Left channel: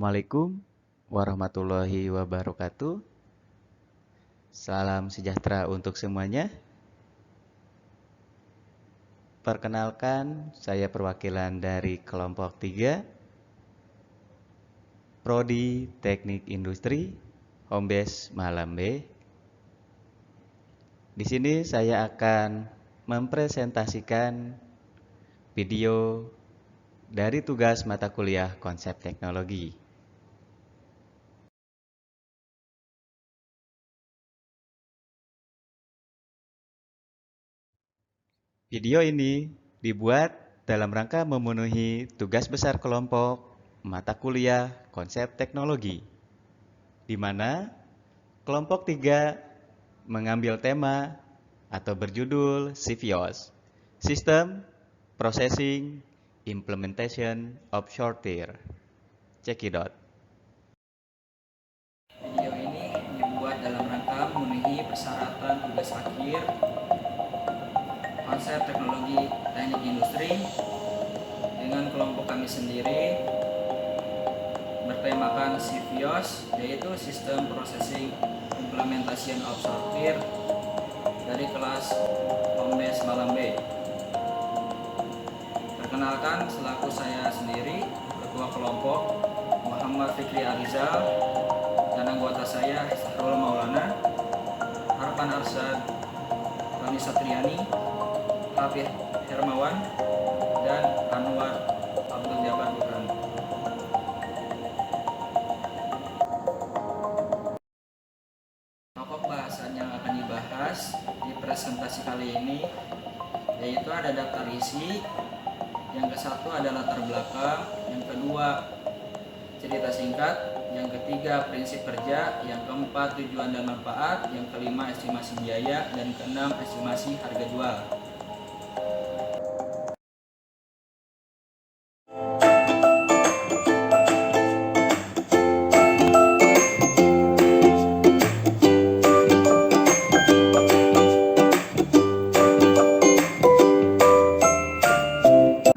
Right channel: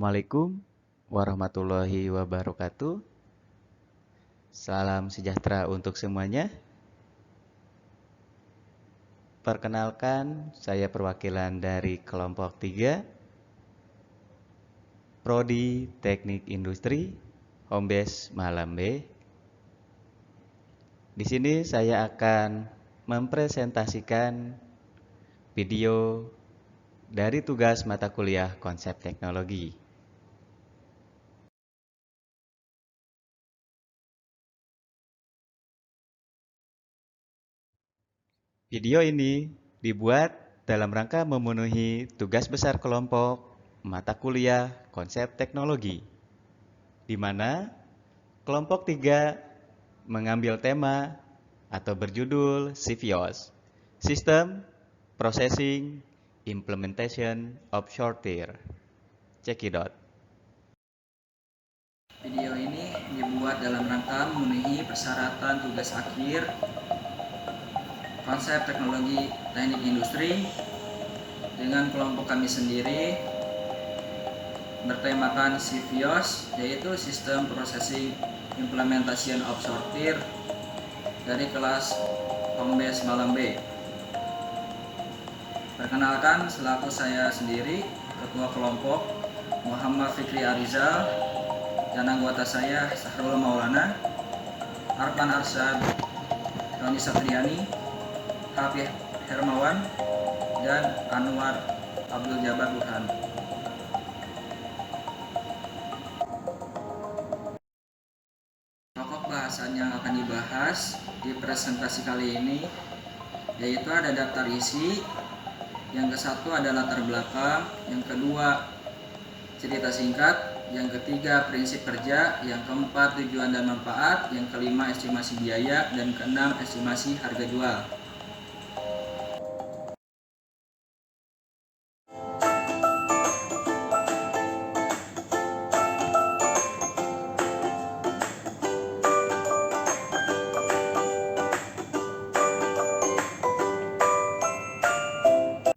Assalamualaikum warahmatullahi wabarakatuh. Salam sejahtera untuk semuanya. Perkenalkan, saya perwakilan dari kelompok 3, Prodi Teknik Industri, Hombes Malambe. Di sini saya akan mempresentasikan video dari tugas mata kuliah konsep teknologi. Video ini dibuat dalam rangka memenuhi tugas besar kelompok mata kuliah konsep teknologi, di mana kelompok 3 mengambil tema atau berjudul CVOS, System Processing Implementation of Sorter. Cekidot. Video ini dibuat dalam rangka memenuhi persyaratan tugas akhir konsep teknologi teknik industri dengan kelompok kami sendiri bertemakan CVOS, yaitu System Processing Implementation of Sorter dari kelas Hombes Malambe. Perkenalkan, selaku saya sendiri, Ketua Kelompok Muhammad Fikri Arizal, dan anggota saya Sahrul Maulana, Arpan Arsyad, Roni Satriani, Habib Hermawan, dan Anwar Abdul Jabbar Burhan. Pokok bahasan yang akan dibahas di presentasi kali ini yaitu ada daftar isi, yang ke-1 ada latar belakang, yang kedua cerita singkat, yang ketiga prinsip kerja, yang keempat tujuan dan manfaat, yang kelima estimasi biaya, dan keenam estimasi harga jual.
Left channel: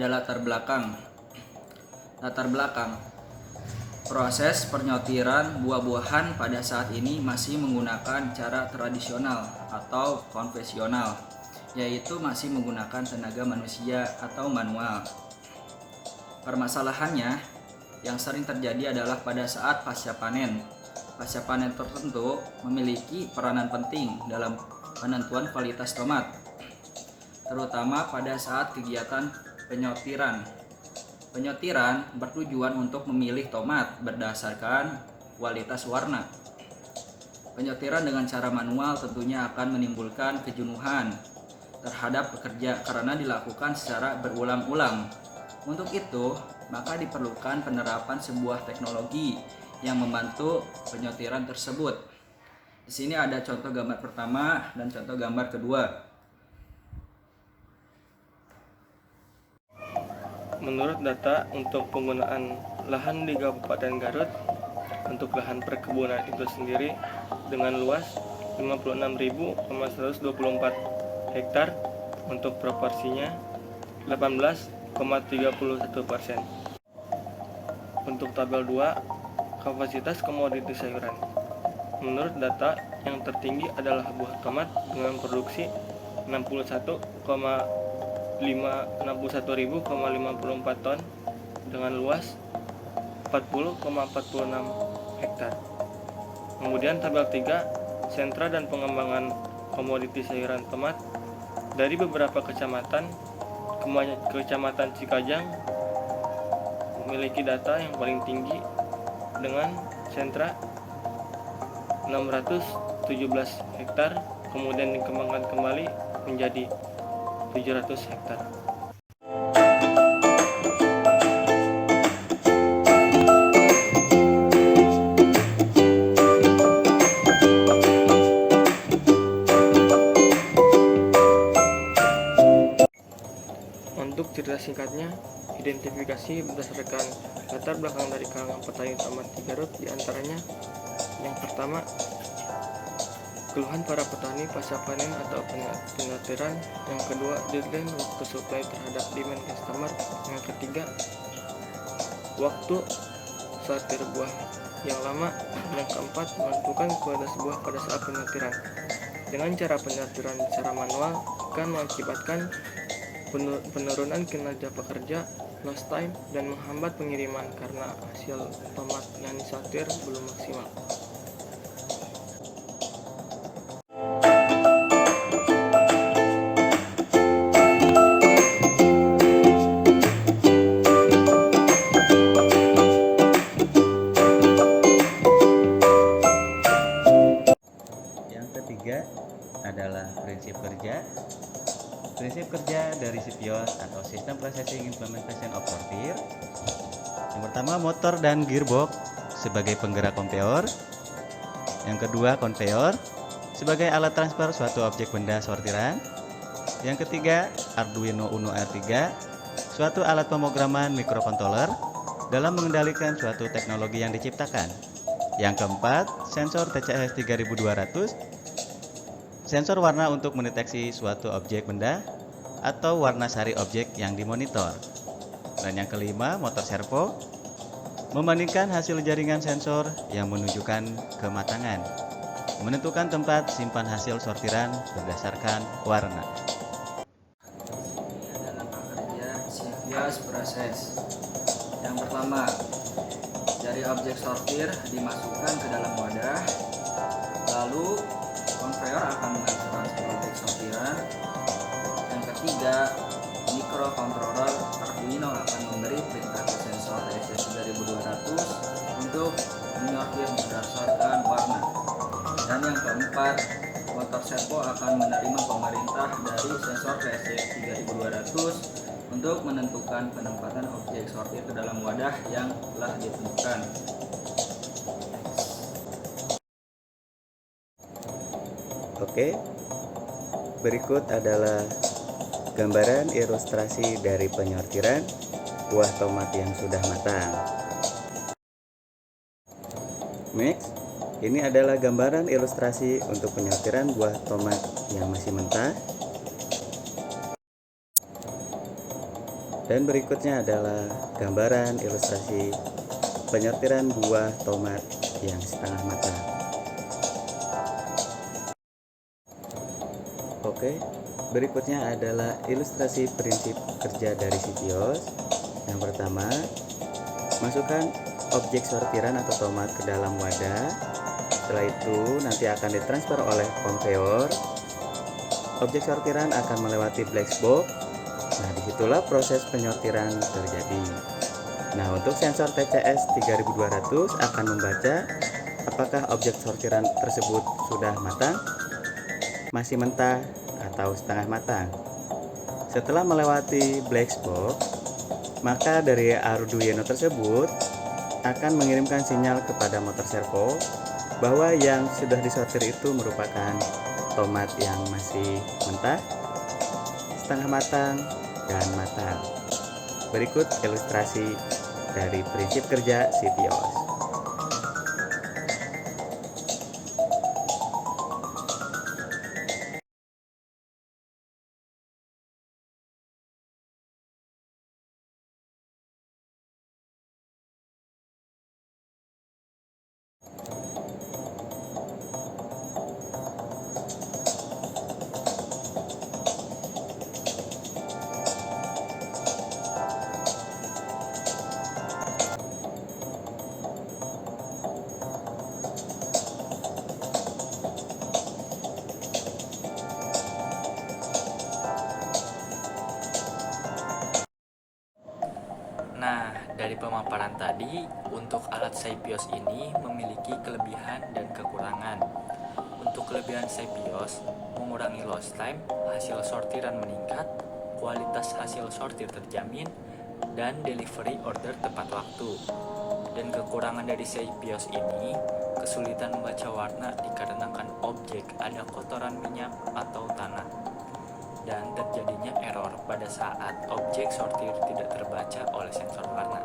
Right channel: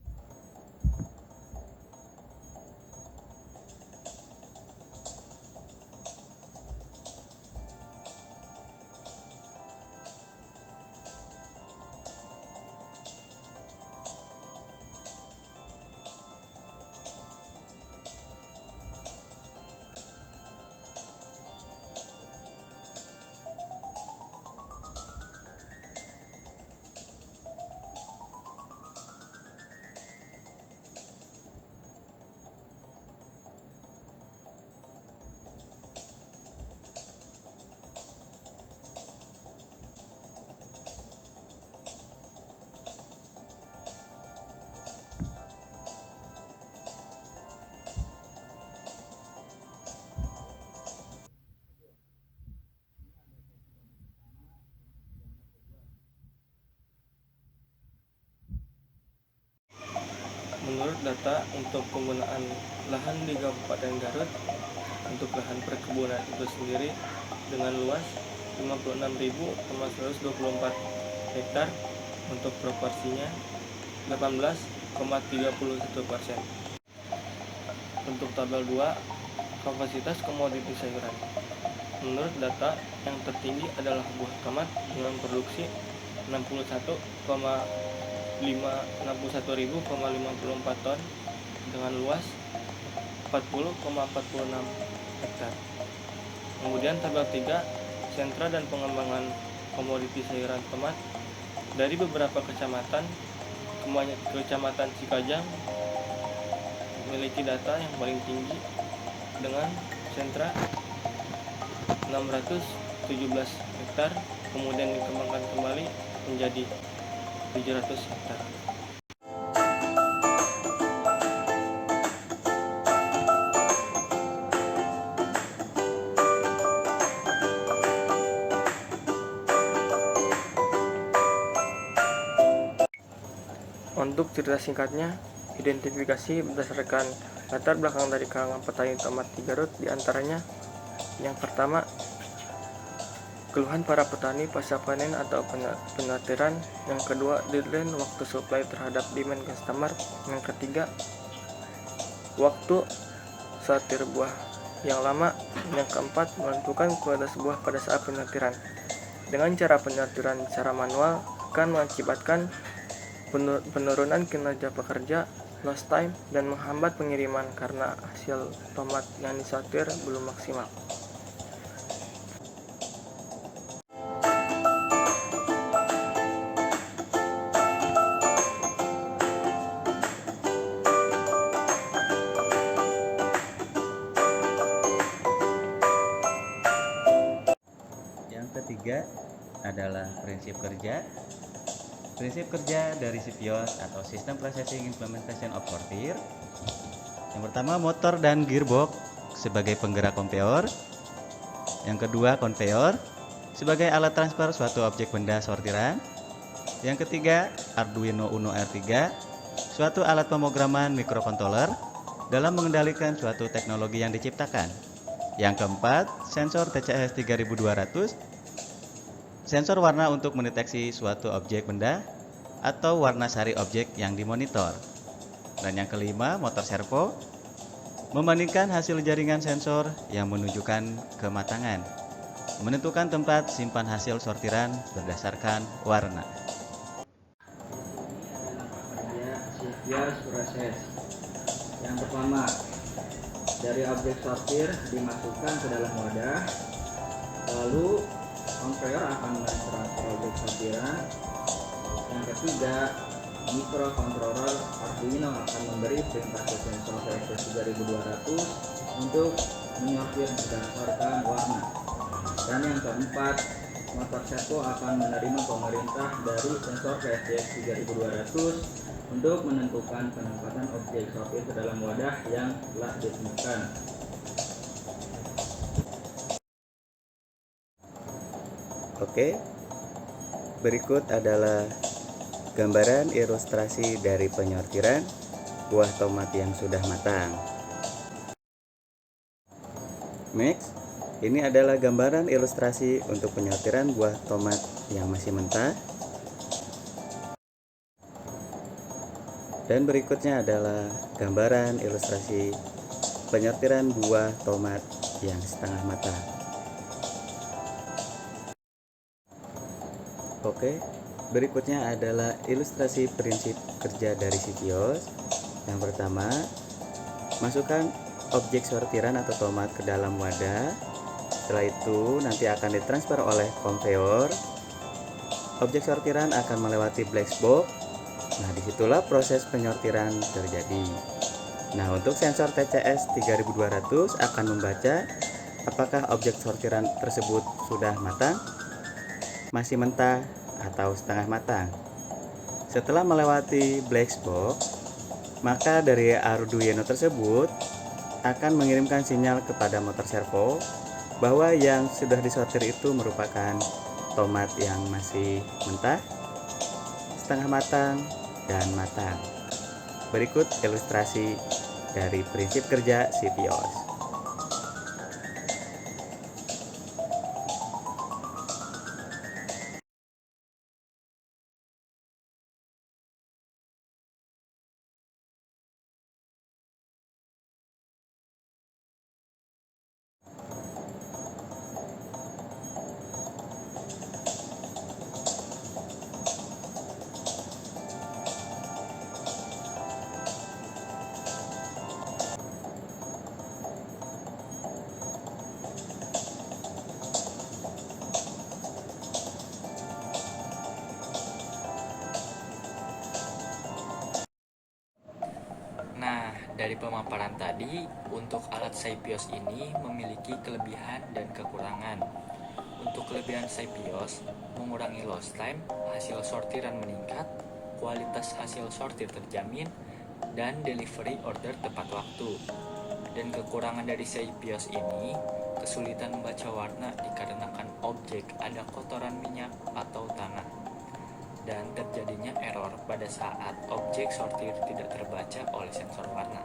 Ada latar belakang. Proses penyortiran buah-buahan pada saat ini masih menggunakan cara tradisional atau konvensional, yaitu masih menggunakan tenaga manusia atau manual. Permasalahannya yang sering terjadi adalah pada saat pasca panen. Pasca panen tertentu memiliki peranan penting dalam penentuan kualitas tomat, terutama pada saat kegiatan penyortiran. Penyortiran bertujuan untuk memilih tomat berdasarkan kualitas warna. Penyortiran dengan cara manual tentunya akan menimbulkan kejenuhan terhadap pekerja karena dilakukan secara berulang-ulang. Untuk itu, maka diperlukan penerapan sebuah teknologi yang membantu penyortiran tersebut. Di sini ada contoh gambar pertama dan contoh gambar kedua. Menurut data untuk penggunaan lahan di Kabupaten Garut untuk lahan perkebunan itu sendiri dengan luas 56.124 hektar, untuk proporsinya 18,31%. Untuk tabel 2, kapasitas komoditi sayuran. Menurut data yang tertinggi adalah buah tomat dengan produksi 61.054 ton dengan luas 40,46 hektar. Kemudian tabel 3, sentra dan pengembangan komoditi sayuran tomat. Dari beberapa kecamatan, Kecamatan Cikajang memiliki data yang paling tinggi dengan sentra 617 hektar, kemudian dikembangkan kembali menjadi 700 hektar. Untuk cerita singkatnya, identifikasi berdasarkan latar belakang dari kalangan petani tomat di Garut, diantaranya yang pertama, keluhan para petani pasca panen atau penyortiran. Yang kedua, deadline waktu supply terhadap demand customer. Yang ketiga, waktu mensortir buah yang lama. Yang keempat, menentukan kualitas buah pada saat penyortiran. Dengan cara penyortiran secara manual akan mengakibatkan penurunan kinerja pekerja, lost time, dan menghambat pengiriman karena hasil tomat yang disortir belum maksimal. Yang ketiga adalah prinsip kerja. Prinsip kerja dari CPIOS atau System Processing Implementation of Sortir. Yang pertama, motor dan gearbox sebagai penggerak konveyor. Yang kedua, konveyor sebagai alat transfer suatu objek benda sortiran. Yang ketiga, Arduino Uno R3, suatu alat pemrograman microcontroller dalam mengendalikan suatu teknologi yang diciptakan. Yang keempat, sensor TCS 3200, sensor warna untuk mendeteksi suatu objek benda atau warna sari objek yang dimonitor. Dan yang kelima, motor servo, membandingkan hasil jaringan sensor yang menunjukkan kematangan, menentukan tempat simpan hasil sortiran berdasarkan warna. CPIOS proses. Yang pertama, dari objek sortir dimasukkan ke dalam wadah, lalu konveyor akan mentransfer objek sortiran. Yang ketiga, microcontroller Arduino akan memberi perintah ke sensor TCS 3200 untuk menyortir berdasarkan warna. Dan yang keempat, motor servo akan menerima pemerintah dari sensor TCS 3200 untuk menentukan penempatan objek sortir ke dalam wadah yang telah ditentukan. Oke, berikut adalah gambaran ilustrasi dari penyortiran buah tomat yang sudah matang. Next, ini adalah gambaran ilustrasi untuk penyortiran buah tomat yang masih mentah. Dan berikutnya adalah gambaran ilustrasi penyortiran buah tomat yang setengah matang. Oke, berikutnya adalah ilustrasi prinsip kerja dari CPIOS. Yang pertama, masukkan objek sortiran atau tomat ke dalam wadah. Setelah itu nanti akan ditransfer oleh konveyor. Objek sortiran akan melewati black box. Nah, disitulah proses penyortiran terjadi. Nah, untuk sensor TCS 3200 akan membaca apakah objek sortiran tersebut sudah matang, masih mentah, atau setengah matang. Setelah melewati black box, maka dari Arduino tersebut akan mengirimkan sinyal kepada motor servo bahwa yang sudah disortir itu merupakan tomat yang masih mentah, setengah matang, dan matang. Berikut ilustrasi dari prinsip kerja CPIOS. Nah, dari pemaparan tadi, untuk alat CPIOS ini memiliki kelebihan dan kekurangan. Untuk kelebihan CPIOS, mengurangi lost time, hasil sortiran meningkat, kualitas hasil sortir terjamin, dan delivery order tepat waktu. Dan kekurangan dari CPIOS ini, kesulitan membaca warna dikarenakan objek ada kotoran minyak atau tanah, dan terjadinya error pada saat objek sortir tidak terbaca oleh sensor warna.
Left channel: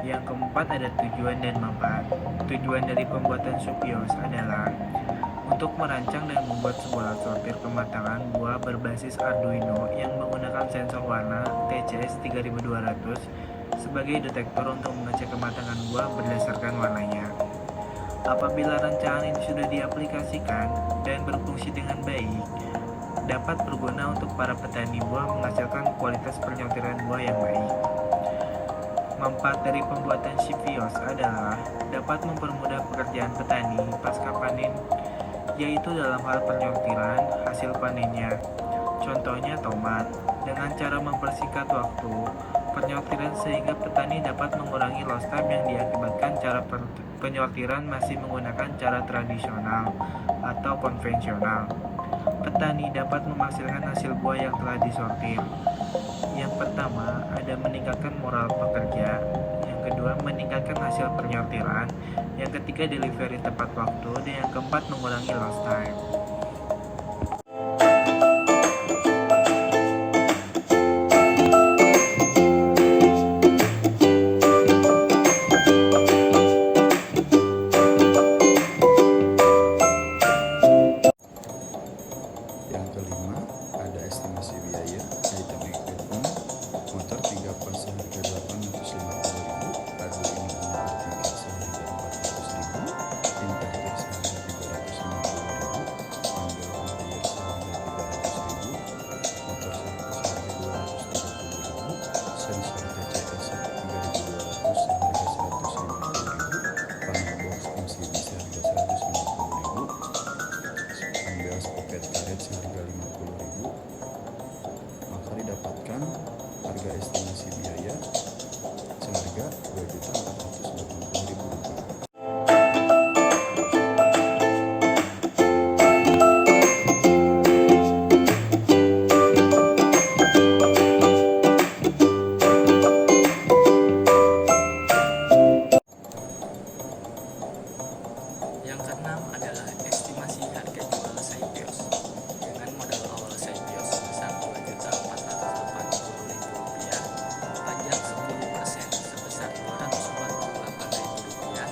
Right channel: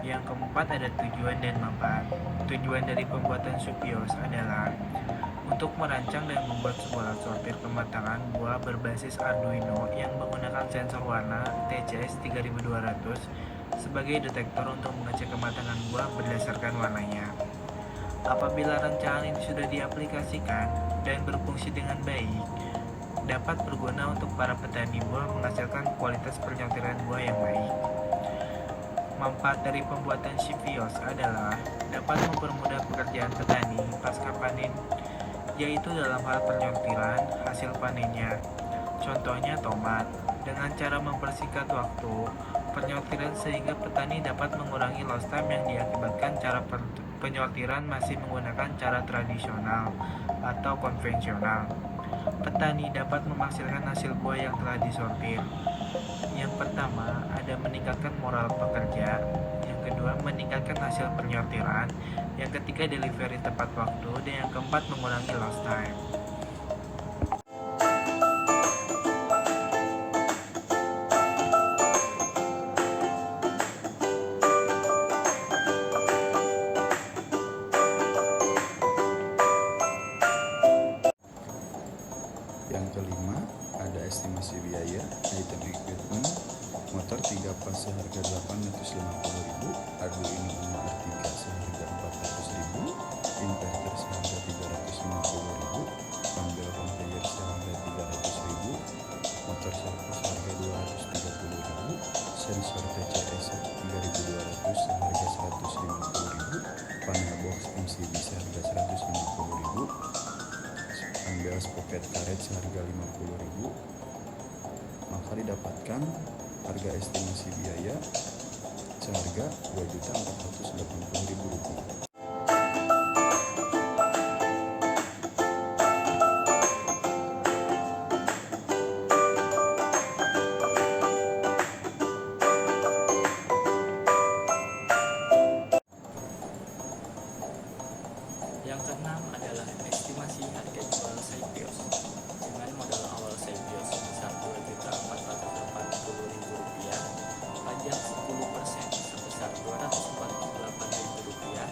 Yang keempat ada tujuan dan manfaat. Tujuan dari pembuatan Supios adalah untuk merancang dan membuat sebuah alat sortir kematangan buah berbasis Arduino yang menggunakan sensor warna TCS 3200 sebagai detektor untuk mengecek kematangan buah berdasarkan warnanya. Apabila rancangan ini sudah diaplikasikan dan berfungsi dengan baik, dapat berguna untuk para petani buah menghasilkan kualitas penyortiran buah yang baik. Manfaat dari pembuatan Supios adalah dapat mempermudah pekerjaan petani pasca panen, yaitu dalam hal penyortiran hasil panennya. Contohnya tomat, dengan cara mempersingkat waktu penyortiran sehingga petani dapat mengurangi lost time yang diakibatkan cara penyortiran masih menggunakan cara tradisional atau konvensional. Petani dapat menghasilkan hasil buah yang telah disortir. Yang pertama, ada meningkatkan moral pekerja. Yang kedua, meningkatkan hasil penyortiran. Yang ketiga, delivery tepat waktu. Dan yang keempat, mengurangi lost time. Yang kelima, ada estimasi biaya item equipment, motor 3 pas seharga 850.000, Arduino Uno R3 seharga 400.000, inverter seharga 350.000, panel conveyor seharga 300.000, motor servo seharga 230.000, sensor TCS 3200 seharga 150.000, panel box MCB seharga 150.000, Ambelas pocket karet seharga 50.000, maka didapatkan harga estimasi biaya seharga Rp2.480.000. Yang keenam adalah estimasi harga jual Supios. Dengan modal awal Supios sebesar Rp2.480.000, pajak 10% sebesar Rp248.000,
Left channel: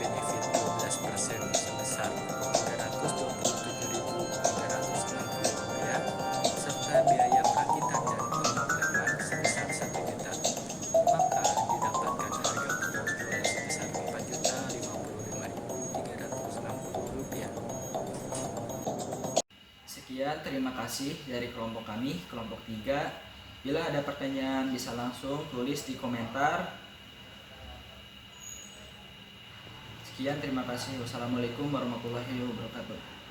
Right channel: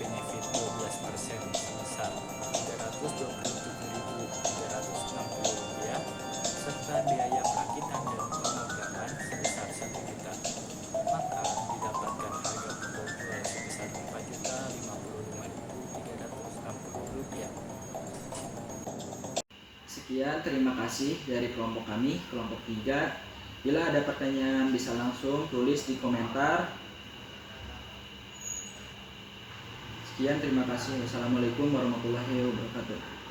benefit 12% sebesar Rp327.360, serta biaya perakitan dan pemodatan sebesar Rp1 juta. Maka didapatkan harga pokok jual sebesar Rp4.055.360. Sekian, terima kasih dari kelompok kami, kelompok 3. Bila ada pertanyaan bisa langsung tulis di komentar. Sekian, terima kasih. Wassalamualaikum warahmatullahi wabarakatuh.